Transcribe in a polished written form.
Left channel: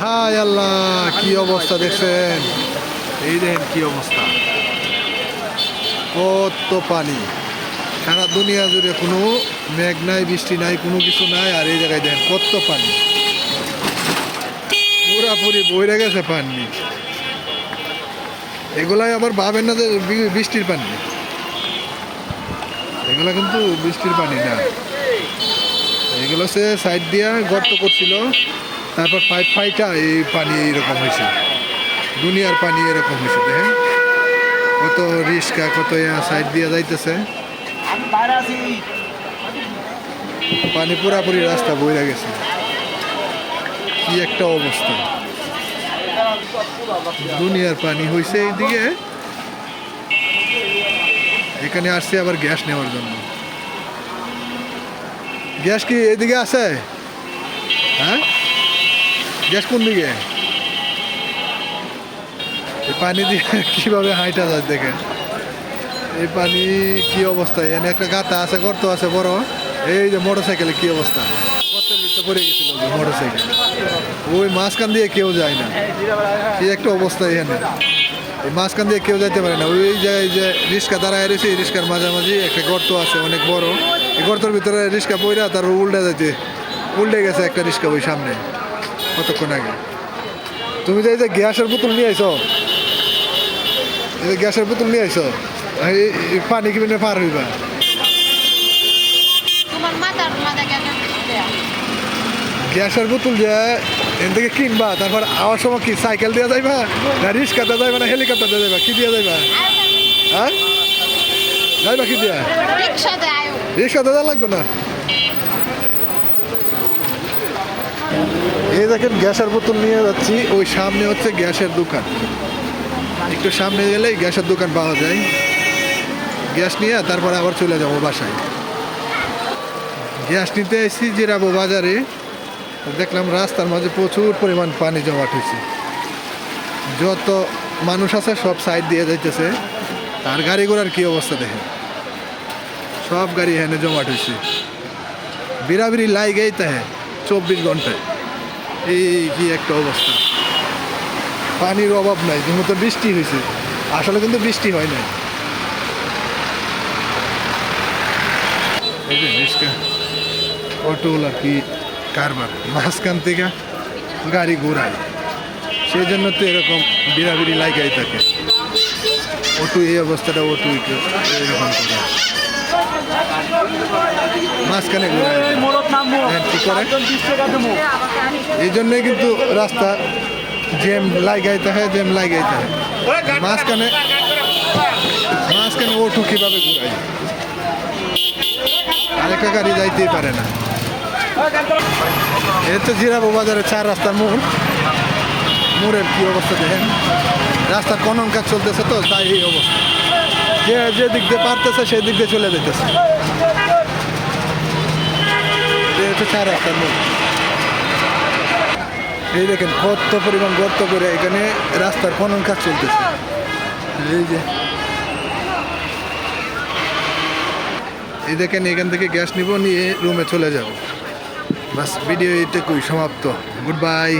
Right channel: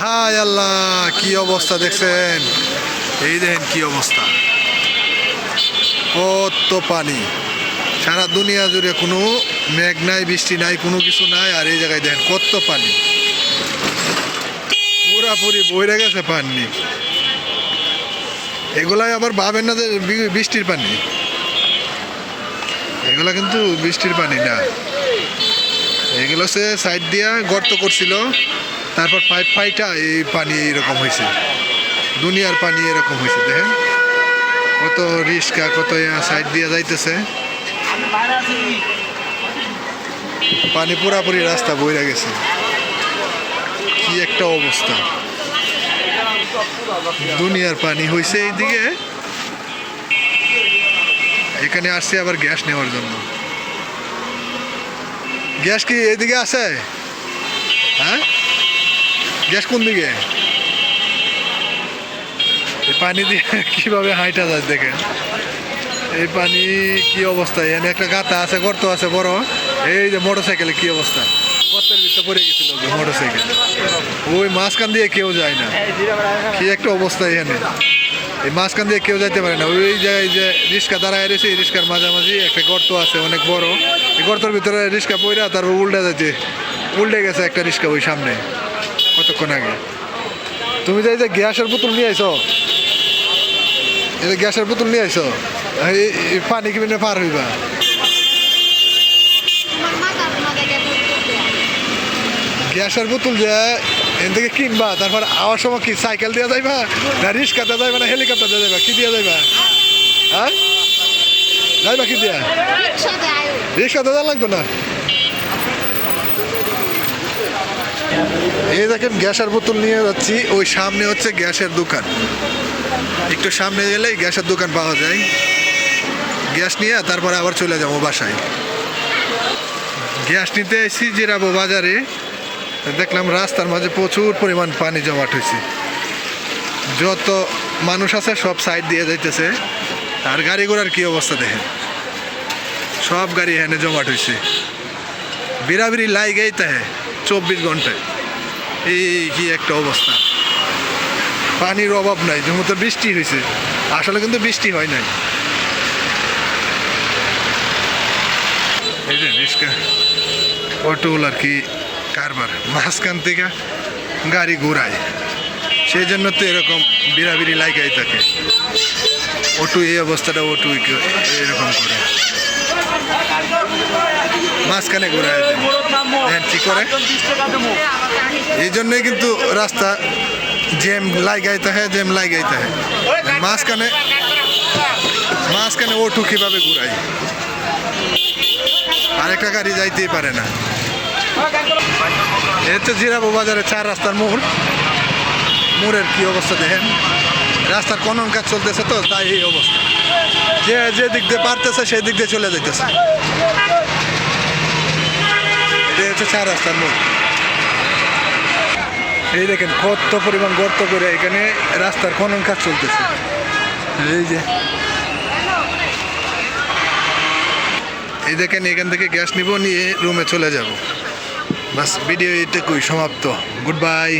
হায় আল্লাহ, কি অবস্থা দেখছেন? এই দেখেন কি অবস্থা, কত পানি। সারা দুনিয়া জুড়ে কোনো মেঘ নাই, বৃষ্টি নাই, কোনো কিছু নাই, আর এই জায়গায় দেখেন কত পানি, পুরাপুরি বইরে গেছে পানি। এগুলাই আবার ভাবেন না যে বৃষ্টির পানি, এগুলা কিন্তু বৃষ্টির পানি না। এগুলো সে সাইড দিয়া গর্ত করছিল, তারপর পাইপ ফাইটা এই পানি এইরকম হয়েছে। দুনিয়ার পানি এরকম হয়েছে। দেখেন কত রিস্কা, কত সাইড দিয়া যাইতেছে, পানি পুরাপুরি রাস্তা বইরা গেছে। কি একটা অবস্থা, দুনিয়ার পানি হয়েছে এইদিকে। এখানে আসছে আবার গ্যাস নেওয়ার জন্য। গ্যাস কি এইদিকে আছে? হ্যাঁ, গ্যাস কোন দিকে? এই পানি দিয়ে কিভাবে হাইটা যায় দেখেন। এই পানি কি অবস্থা, এখানে একটা গাতা আছে, গর্ত আছে বড়। এই যে মোটর সাইকেলে কি অবস্থা, গর্তের ভিতরে পড়ে গেছিল মোটর সাইকেল। ওই মাঝখান দিয়ে কেউ যায় না, কি একটা অবস্থা এখানে। এই মাঝখান দিয়ে কেউ যাইতে পারে না। ওই জায়গায় যে রিক্সা দাঁড়ায় রয়েছে, এই রিক্সার মাঝামাঝি একটা গর্ত আছে অনেক বড়। এই গর্তের ভিতরে রিক্সা পইরা তারপর উল্টে গেছে একটা রিক্সা ওই সামনে কতক্ষণ আগে। তুমি যে গ্যাসের বোতল নিয়ে আইছো, এই যে গ্যাসের বোতল নিয়ে আইছো, এই পানি কি পার হইবা? গ্যাসের বোতল যে এখান থেকে কিনবা, তারপর আওয়ার সময় কি সাইকেল দিয়ে যাইবা, না রিক্সাতে যাইবা, না হেলিকপ্টার দিয়ে যাইবা? কি দিয়ে যাইবা? হ্যাঁ, যাইবা কি দিয়া? রিক্সাতে যা লাগতো না। এই দেখেন গ্যাসের বোতল নিয়ে যাচ্ছি, ওই সামনে হচ্ছে গ্যাসের দোকান। একটু সামনে গেলেই গ্যাসের দোকান পাওয়া যায়। গ্যাস নিয়ে তারপরে আবার চলে যাবো বাসায়। গ্যাস নিতে এসেছি জিরাবো বাজারে, দেখলাম রাস্তার মাঝে প্রচুর পরিমাণ পানি জমাট হয়েছে। যত মানুষ আছে সব সাইড দিয়ে যাইতেছে। আর গাড়ি ঘোড়ার কি অবস্থা দেখেন, সব গাড়ি এখানে জমাট হয়েছে। বিরাবিরি লাইগেই তাহে 24 ঘন্টায়। এই কি একটা অবস্থা, পানির অভাব নাই। যেমন তো বৃষ্টি হয়েছে, আসলে কিন্তু বৃষ্টি হয় নাই। এই যে রিক্সা অটোগুলার কি কারবার, মাঝখান থেকে গাড়ি ঘোরায়, সেই জন্য তো এরকম বিরাবিরি লাগাই থাকে। অটো এই অবস্থাটা, অটো এরকম করে মাঝখানে ঘোরায় দেয়। কি করে, এই জন্যই কিন্তু রাস্তা জ্যাম লাগাইতে হয়, জ্যাম লাগাইতে হয়। মাঝখানে অটো কিভাবে ঘুরায়, আরেকটা গাড়ি যাইতেই পারে না। এতে জিরাবো বাজারে 4 রাস্তার মোড়ের কি অবস্থা দেখেন। রাস্তার খনন কাজ চলতেছে, তো তাই এই অবস্থা। যে দিক দিয়ে পারতেছে সেই দিক দিয়ে চলে যাইতেছে। এটা হচ্ছে 4 রাস্তার মোড়। এই দেখেন কত পরিমাণ গর্ত করে এখানে রাস্তার খনন কাজ চলতেছে। এই দেখেন, এখান থেকে গ্যাস নিব, নিয়ে রুমে চলে যাব। বাস, ভিডিও এটুকুই সমাপ্ত। Good bye.